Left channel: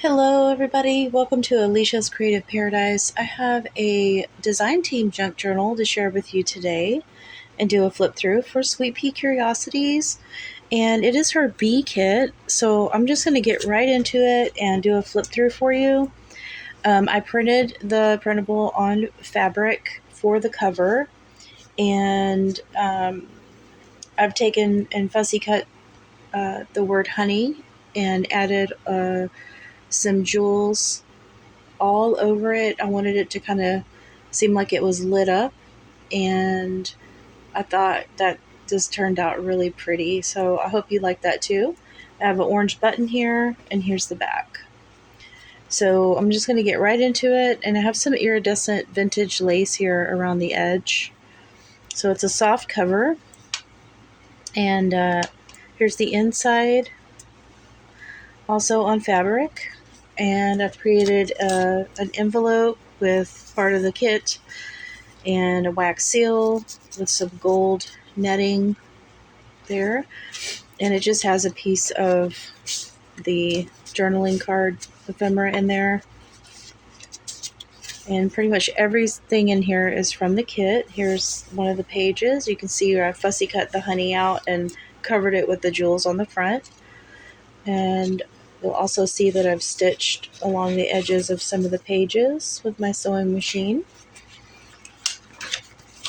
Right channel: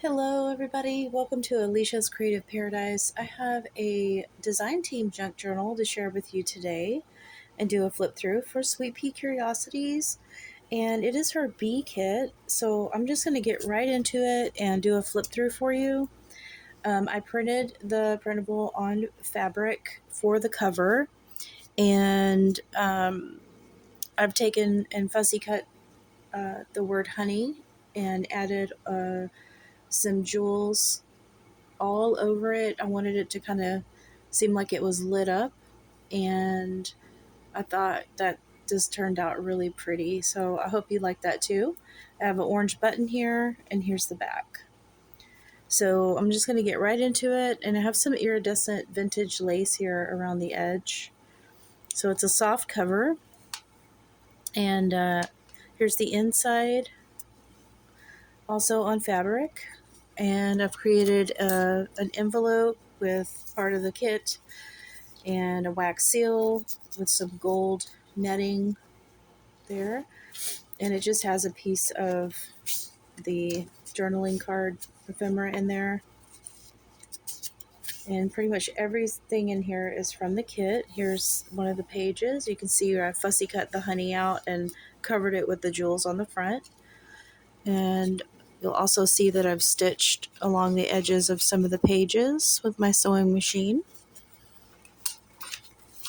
Hello, everybody. Welcome to Alicia's Creative Paradise. I have a design team junk journal to share with you today and do a flip through for SweetPeaCuriosities. And it is her bee kit, so I'm just going to get right into it and do a flip through for you. I printed the printable on fabric for the cover, and I've taken and fussy cut the word honey and added some jewels all over it. I wanted it to kind of seem like it was lit up, and I thought that just turned out really pretty. So I hope you like that too. I have an orange button here, and here's the back. So I'm just going to get right into it, and I have some iridescent vintage lace here around the edge. So it's a soft cover, and here's the inside, also on fabric. And I've created an envelope with part of the kit and a wax seal with some gold netting there. And it just has a piece of the journaling card ephemera in there. And pretty much everything in here is from the kit. Here's one of the pages. You can see where I fussy cut the honey out and covered it with the jewels on the front. And you'll also see that I've stitched along the edges of some of the pages with my sewing machine.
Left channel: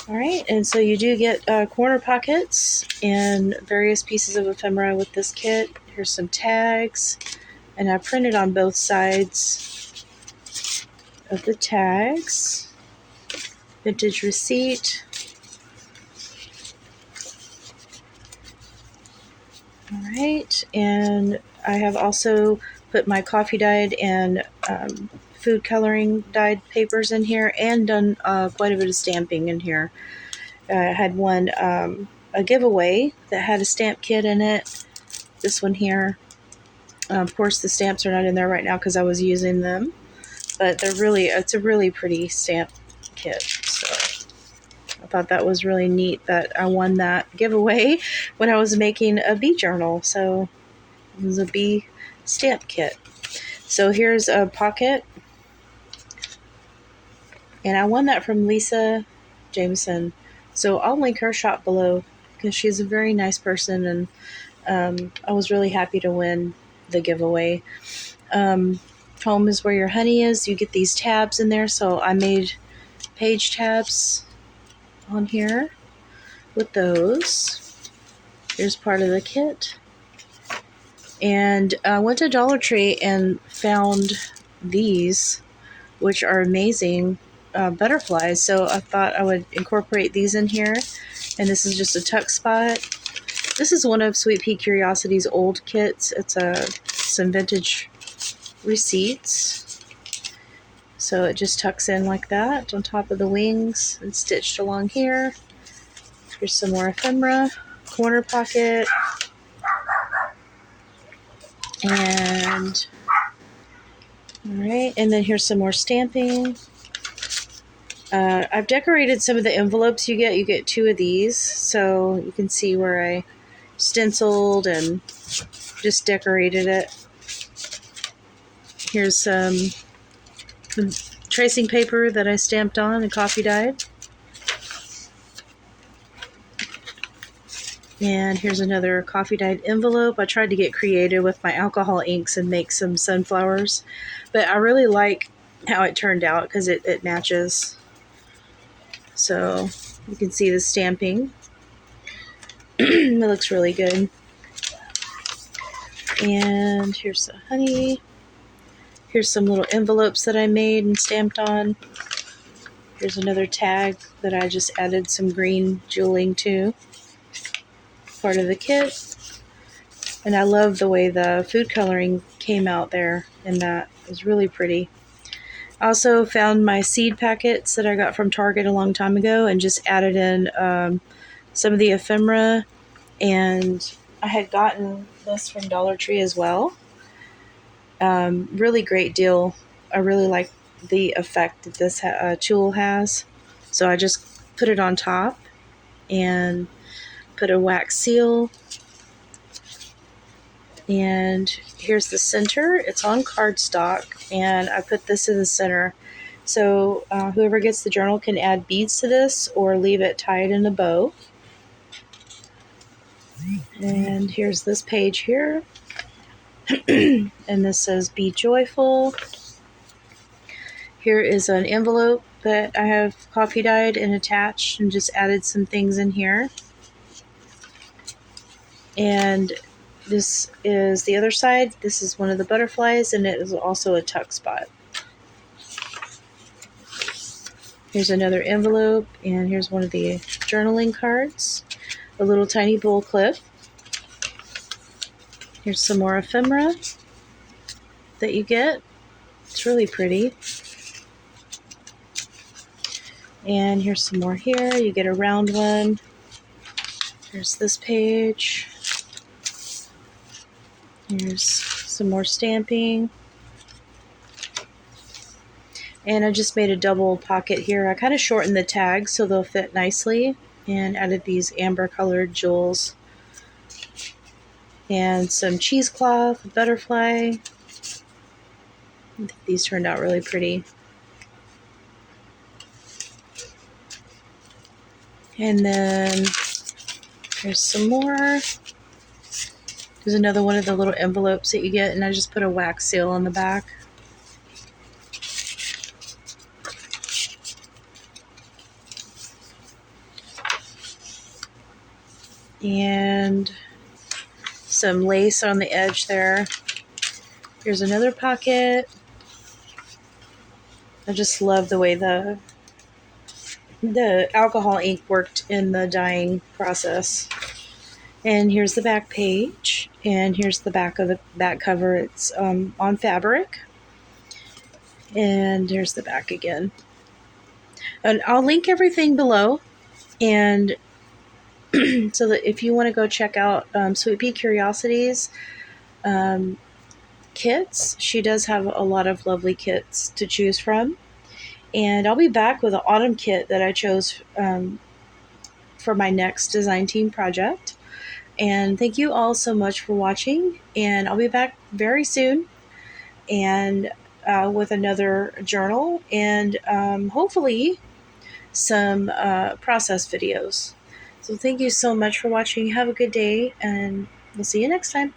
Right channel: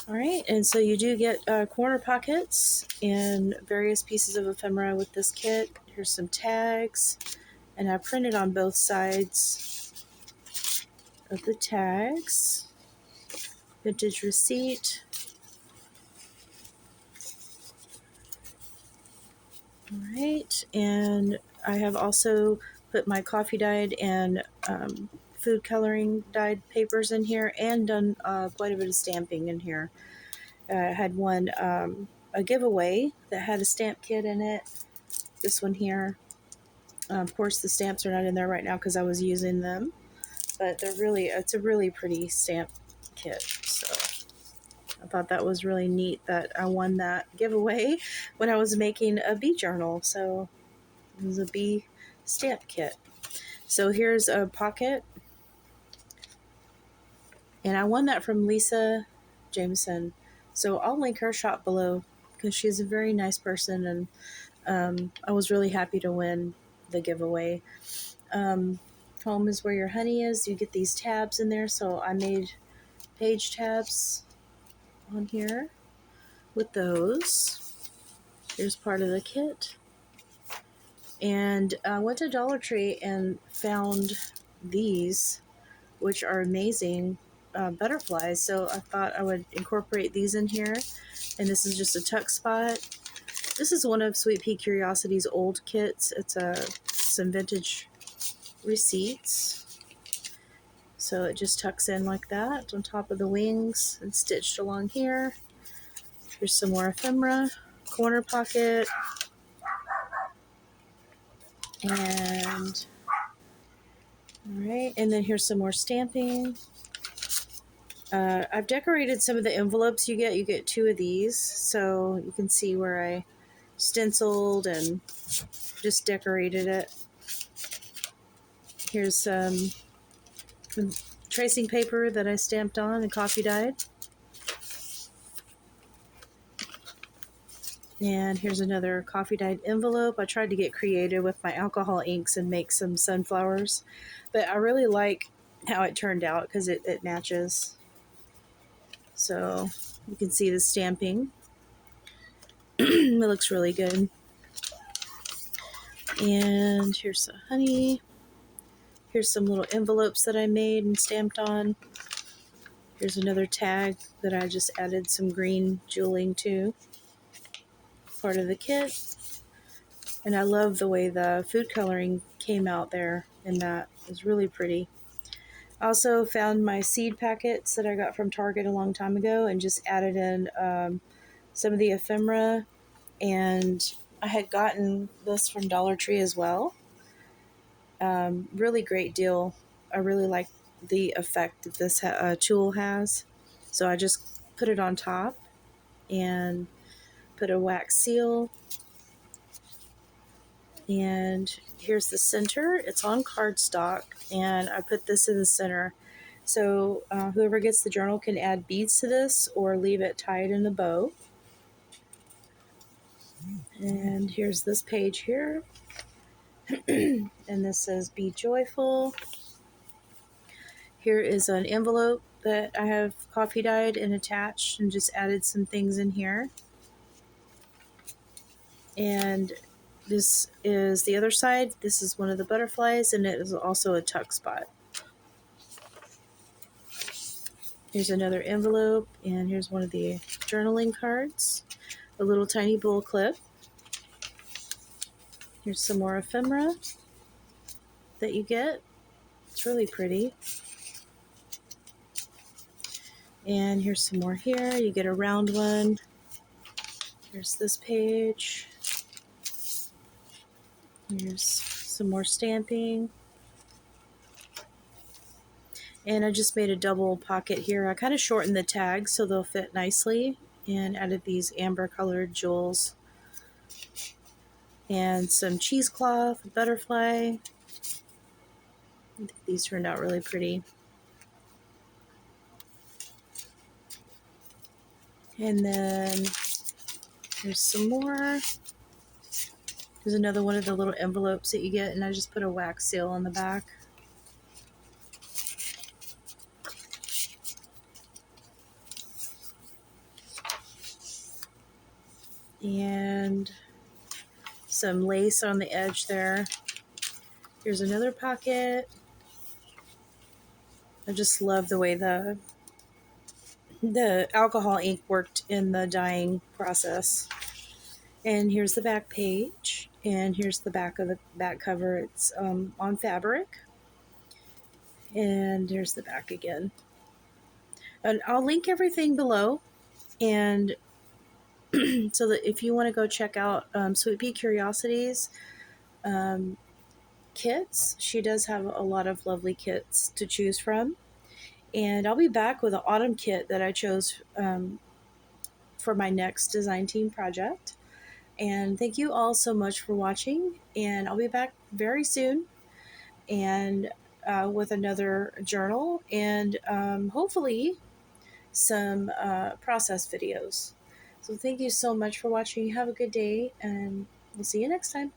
All right, and so you do get corner pockets and various pieces of ephemera with this kit. Here's some tags, and I printed on both sides of the tags. Vintage receipt. All right, and I have also put my coffee dyed and food coloring dyed papers in here, and done quite a bit of stamping in here. I had one, a giveaway that had a stamp kit in it. This one here. Of course, the stamps are not in there right now because I was using them, but it's a really pretty stamp kit. So I thought that was really neat that I won that giveaway when I was making a bee journal. So it was a bee stamp kit. So here's a pocket, and I won that from Lisa Jameson. So I'll link her shop below because she's a very nice person, and I was really happy to win the giveaway. Home is where your honey is. You get these tabs in there, so I made page tabs on here with those. Here's part of the kit. And I went to Dollar Tree and found these, which are amazing butterflies. So I thought I would incorporate these in here. And this is just a tuck spot. This is one of SweetPeaCuriosities' old kits. It's some vintage receipts. So it just tucks in like that on top of the wings and stitched along here. Here's some more ephemera, corner pocket, and alright, and then here's some more stamping. I've decorated some of the envelopes you get. You get two of these, so you can see where I stenciled and just decorated it. Here's some tracing paper that I stamped on and coffee dyed. And here's another coffee dyed envelope. I tried to get creative with my alcohol inks and make some sunflowers, but I really like how it turned out because it matches. So you can see the stamping. It looks really good. And here's the honey. Here's some little envelopes that I made and stamped on. Here's another tag that I just added some green jeweling to. Part of the kit. And I love the way the food coloring came out there, and that was really pretty. I also found my seed packets that I got from Target a long time ago and just added in some of the ephemera, and I had gotten this from Dollar Tree as well. Really great deal. I really like the effect that this tool has. So I just put it on top and put a wax seal And here's the center. It's on cardstock, and I put this in the center. So whoever gets the journal can add beads to this or leave it tied in a bow. And here's this page here. And this says, "Be joyful." Here is an envelope that I have coffee dyed and attached and just added some things in here. And this is the other side. This is one of the butterflies, and it is also a tuck spot. Here's another envelope, and here's one of the journaling cards. A little tiny bowl clip. Here's some more ephemera that you get. It's really pretty. And here's some more here. You get a round one. Here's this page. Here's some more stamping. And I just made a double pocket here. I kind of shortened the tags so they'll fit nicely, and added these amber colored jewels. And some cheesecloth, a butterfly. I think these turned out really pretty. And then there's some more. There's another one of the little envelopes that you get, and I just put a wax seal on the back. And some lace on the edge there. Here's another pocket. I just love the way the alcohol ink worked in the dyeing process. And here's the back page, and here's the back of the back cover. It's on fabric. And here's the back again. And I'll link everything below, and so that if you want to go check out SweetPeaCuriosities kits, she does have a lot of lovely kits to choose from. And I'll be back with an autumn kit that I chose for my next design team project. And thank you all so much for watching, and I'll be back very soon, and with another journal, and hopefully some process videos. So thank you so much for watching. Have a good day, and we'll see you next time.